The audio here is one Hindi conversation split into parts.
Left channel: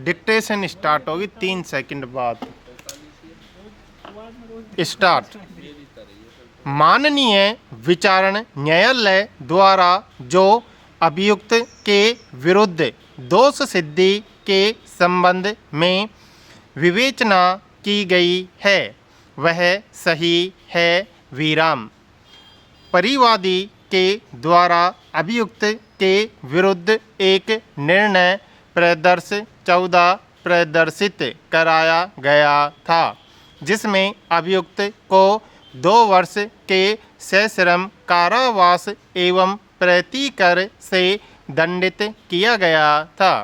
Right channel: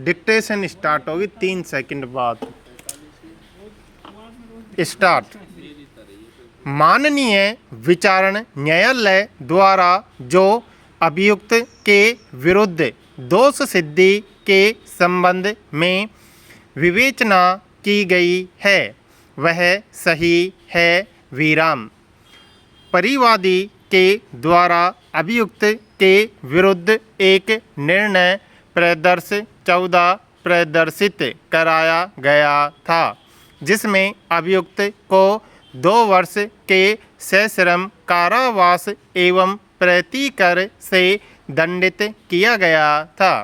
डिक्टेशन स्टार्ट होगी 3 सेकंड बाद। स्टार्ट। माननीय विचारण न्यायालय द्वारा जो अभियुक्त के विरुद्ध दोष सिद्धि के संबंध में विवेचना की गई है वह सही है विराम। परिवादी के द्वारा अभियुक्त के विरुद्ध एक निर्णय प्रदर्श 14 प्रदर्शित कराया गया था जिसमें अभियुक्त को 2 वर्ष के सश्रम कारावास एवं प्रतिकर से दंडित किया गया था,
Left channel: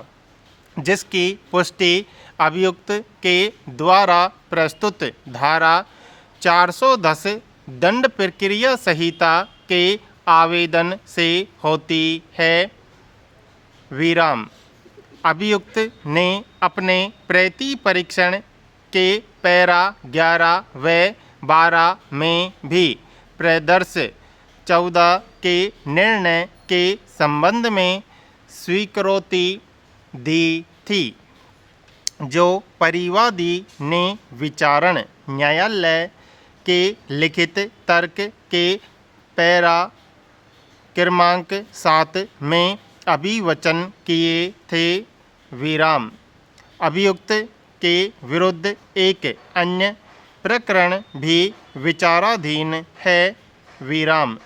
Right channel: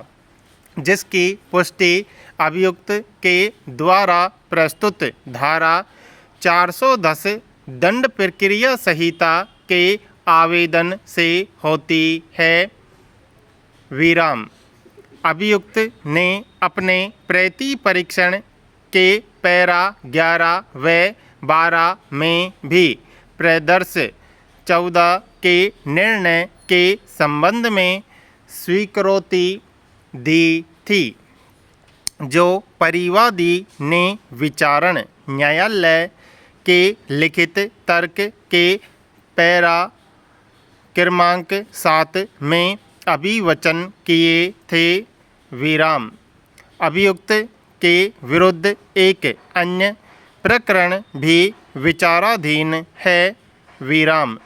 जिसकी पुष्टि अभियुक्त के द्वारा प्रस्तुत धारा 410 दंड प्रक्रिया संहिता के आवेदन से होती है विराम। अभियुक्त ने अपने प्रति परीक्षण के पैरा 11 व 12 में भी प्रदर्श 14 के निर्णय के संबंध में स्वीकृति दी थी, जो परिवादी ने विचारण न्यायालय के लिखित तर्क के पैरा क्रमांक 7 में अभिवचन किए थे विराम। अभियुक्त के विरुद्ध एक अन्य प्रकरण भी विचाराधीन है विराम।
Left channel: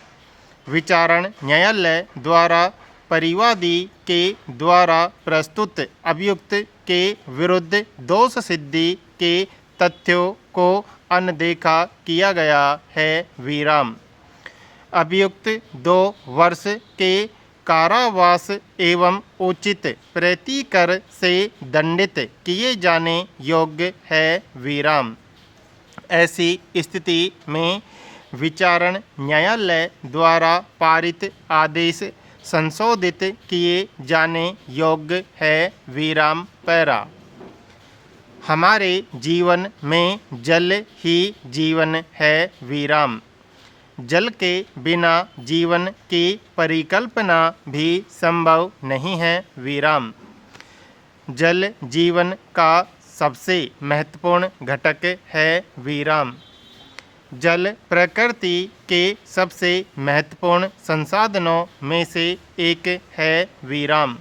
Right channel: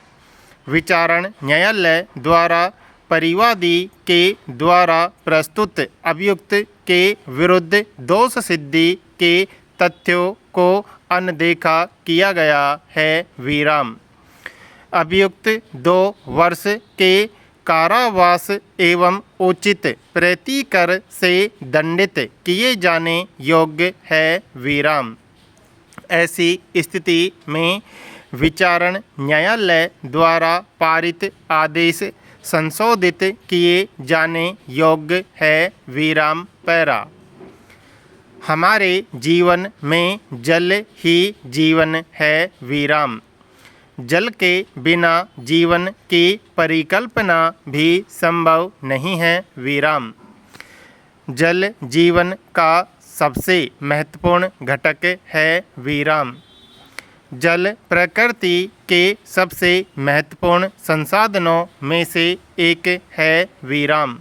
विचारण न्यायालय द्वारा परिवादी के द्वारा प्रस्तुत अभियुक्त के विरुद्ध दोष सिद्धि के तथ्यों को अनदेखा किया गया है विराम। अभियुक्त 2 वर्ष के कारावास एवं उचित प्रतिकर से दंडित किए जाने योग्य है विराम। ऐसी स्थिति में विचारण न्यायालय द्वारा पारित आदेश संशोधित किए जाने योग्य है विराम पैरा। हमारे जीवन में जल ही जीवन है विराम। जल के बिना जीवन की परिकल्पना भी संभव नहीं है विराम। जल जीवन का सबसे महत्वपूर्ण घटक है विराम। जल प्रकृति के सबसे महत्वपूर्ण संसाधनों में से एक है विराम।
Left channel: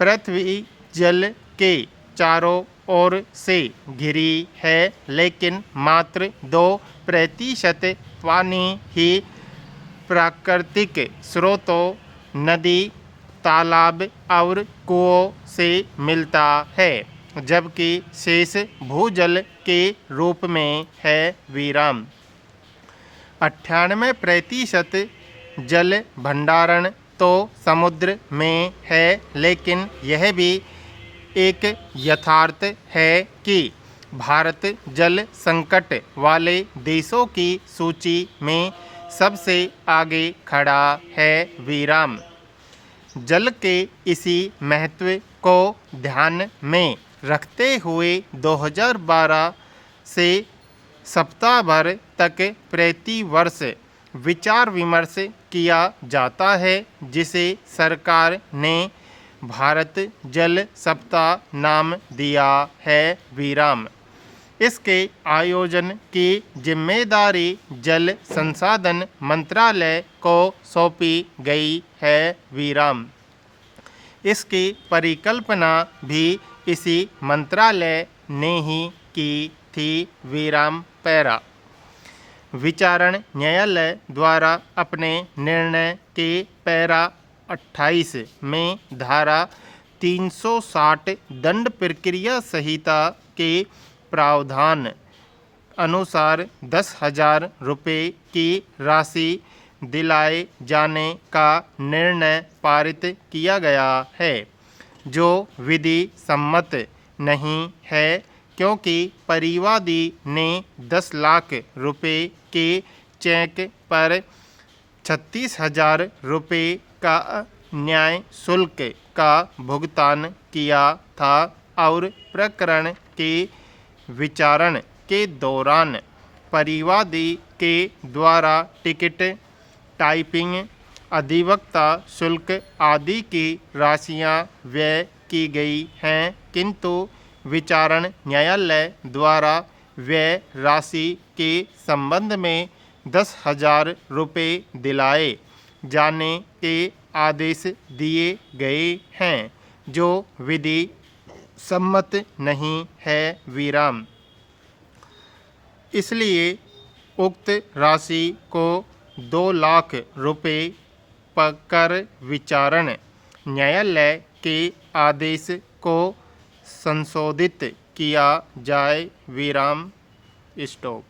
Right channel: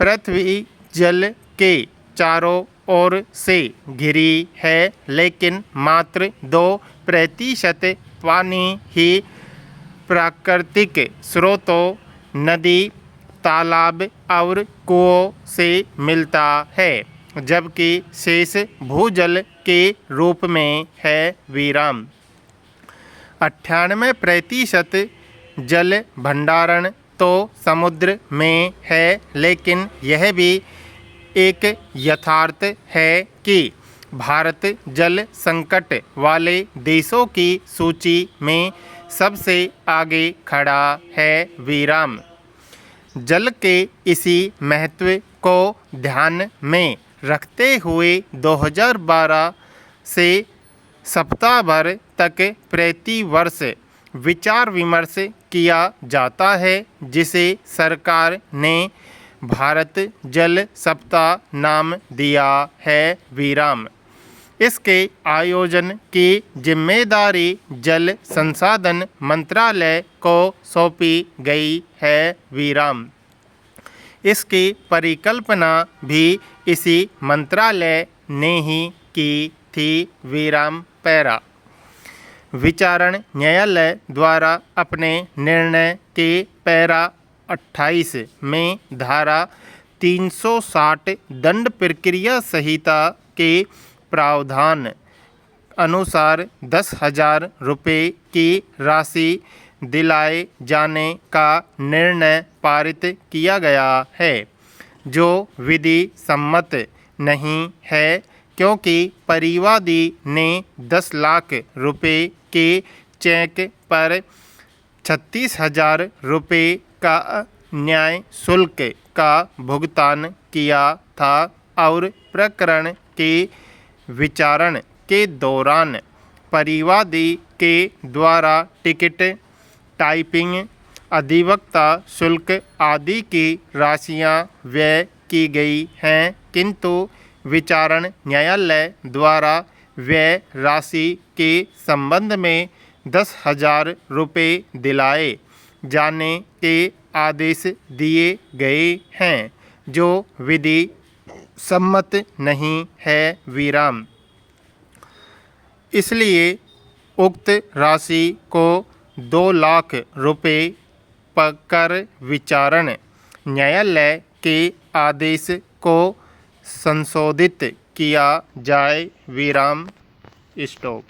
पृथ्वी जल के चारों ओर से घिरी है, लेकिन मात्र 2% पानी ही प्राकृतिक स्रोतों, नदी, तालाब और कुओं से मिलता है, जबकि शेष भूजल के रूप में है विराम। 98% जल भंडारण तो समुद्र में है, लेकिन यह भी एक यथार्थ है कि भारत जल संकट वाले देशों की सूची में सबसे आगे खड़ा है विराम। जल के इसी महत्व को ध्यान में रखते हुए 2012 से सप्ताह भर तक प्रति वर्ष विचार विमर्श किया जाता है, जिसे सरकार ने भारत जल सप्ताह नाम दिया है विराम। इसके आयोजन की जिम्मेदारी जल संसाधन मंत्रालय को सौंपी गई है विराम। इसकी परिकल्पना भी इसी मंत्रालय ने ही की थी विराम पैरा। विचारण न्यायालय द्वारा अपने निर्णय के पैरा 28 में धारा 360 दंड प्रक्रिया संहिता के प्रावधान अनुसार 10,000 रुपये की राशि दिलाए जाने का निर्णय पारित किया गया है, जो विधि सम्मत नहीं है, क्योंकि परिवादी ने 10 लाख रुपये के चेक पर 36,000 रुपये का न्याय शुल्क का भुगतान किया था और प्रकरण के विचारण के दौरान परिवादी के द्वारा टिकट, टाइपिंग, अधिवक्ता शुल्क आदि की राशियां व्यय की गई हैं, किंतु विचारण न्यायालय द्वारा व्यय राशि के संबंध में 10,000 रुपये दिलाए जाने के आदेश दिए गए हैं, जो विधि सम्मत नहीं है विराम। इसलिए उक्त राशि को 2 लाख रुपये कर विचारण न्यायालय के आदेश को संशोधित किया जाए विराम। स्टॉप।